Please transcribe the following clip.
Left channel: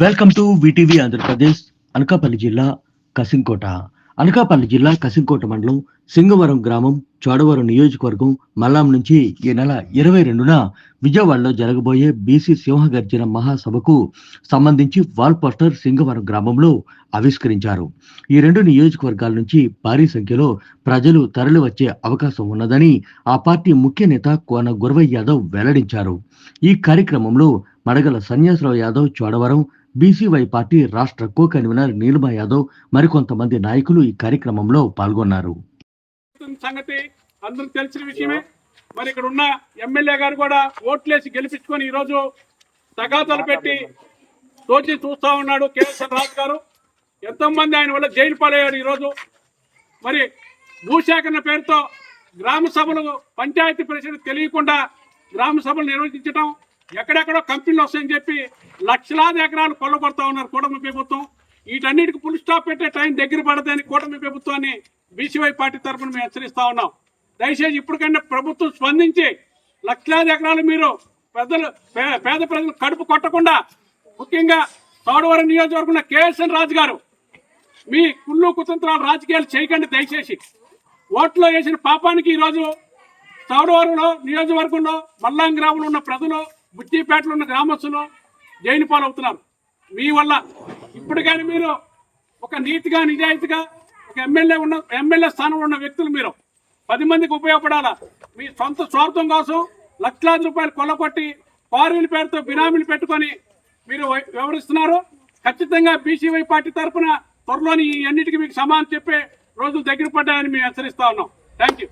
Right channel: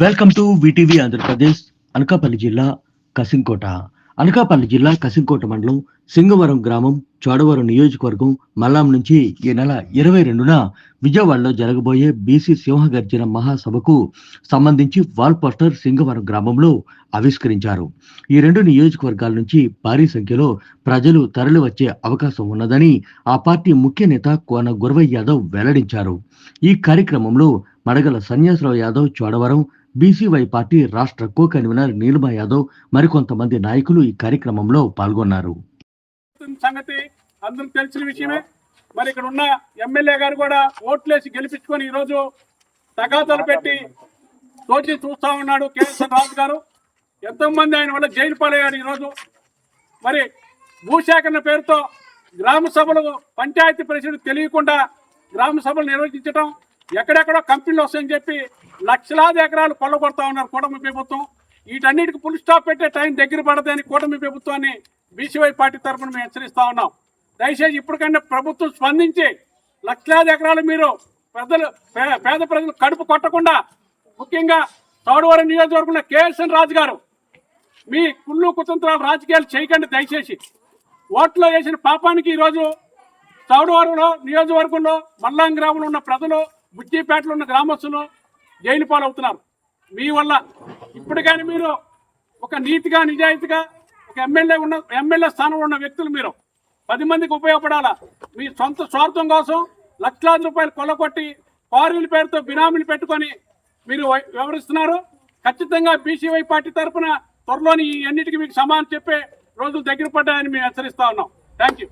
Welcome to VTV Andhra Pradesh. Anakapalli జిల్లా కసింకోట. అనకాపల్లి జిల్లా కసింకోట మండలం సింగవరం గ్రామం చోడవరం నియోజకవర్గం మల్లాం నుంచి ఈ నెల 22న విజయవాడలో జరగబోయే బీసీ సింహగర్జన మహాసభకు సంబంధించి వాల్ పోస్టర్ సింగవరం గ్రామంలో ఆవిష్కరించారు. ఈ రెండు నియోజకవర్గాల నుంచి భారీ సంఖ్యలో ప్రజలు తరలి వచ్చే అవకాశం ఉన్నదని ఆ పార్టీ ముఖ్య నేత కోన గురవయ్య యాదవ్ వెల్లడించారు. ఈ కార్యక్రమంలో మడగల సన్యాసరావు యాదవ్ చోడవరం, బీసీవై పార్టీ రాష్ట్ర కో కన్వీనర్ నీలిమా యాదవ్ మరికొంతమంది నాయకులు ఈ కార్యక్రమంలో పాల్గొన్నారు. సంగతి అందరూ తెలిసిన విషయమే. మరి ఇక్కడ ఉన్న ఎమ్మెల్యే గారు కూడా ఓట్లేసి గెలిపించుకొని ఈరోజు తగాదాలు పెట్టి తోచి చూస్తా ఉన్నాడు కేఎస్ఆర్ రాజు గారు. ఎంతోమంది ఆయన వల్ల జైలు పాలయ్యారు. ఈరోజు మరి భూసేకరణ పేరుతో గ్రామ సభలు, పంచాయతీ ప్రెసిడెంట్ తెలియకుండా గ్రామ సభలు నిర్వహించడం, ఎక్కడెక్కడో కంపెనీలు వస్తాయని చెప్పి లక్షలాది ఎకరాలు కొల్లగొడతా ఉన్నారు కూటమి ప్రభుత్వం. వీటన్నిటికి ఫుల్ స్టాప్ పెట్టే టైం దగ్గర పడదని కూటమి ప్రభుత్వాన్ని బీసీవై పార్టీ తరఫున మేము హెచ్చరిస్తా ఉన్నాం. దయచేసి ఇప్పటికైనా ప్రభుత్వం స్పందించి లక్షలాది ఎకరాలు మీరు పేద ప్రజలు కడుపు కొట్టకుండా, ముఖ్యంగా చోడవరం నియోజకవర్గంలో కేఎస్ఎన్ రాజు గారు మీ కుళ్ళు కుతంత్రాలు రాజకీయాలు చేయకండి. దయచేసి ఓట్లో వేసిన పాపానికి ఈరోజు చౌడవరంలో నియోజకవర్గంలో మల్లాం గ్రామంలో ఉన్న ప్రజలు, బుచ్చిపేటలో ఉన్న గ్రామస్తులు జైలు పాలవుతున్నారు మీ వల్ల. ఇప్పటికైనా మీరు ఒక నీతిగా, నిజాయితీగా ఒక ఎమ్మెల్యే స్థానంలో ఉన్న వ్యక్తులు మీరు 10 మందికి ఉపయోగపడాలా. మీ సొంత స్వార్థం కోసం లక్షలాది రూపాయలు కొల్లగొట్టి క్వారీల పేరుతో బినామీలు పెట్టుకొని మీరు వ్యవహరిస్తున్నారు. ఖచ్చితంగా బీసీవై పార్టీ తరఫున త్వరలోని ఈ అన్నిటికీ మీకు సమాధానం చెప్పే రోజులు దగ్గర పడ్డాయని మేము హెచ్చరిస్తా ఉన్నాం. Thank you.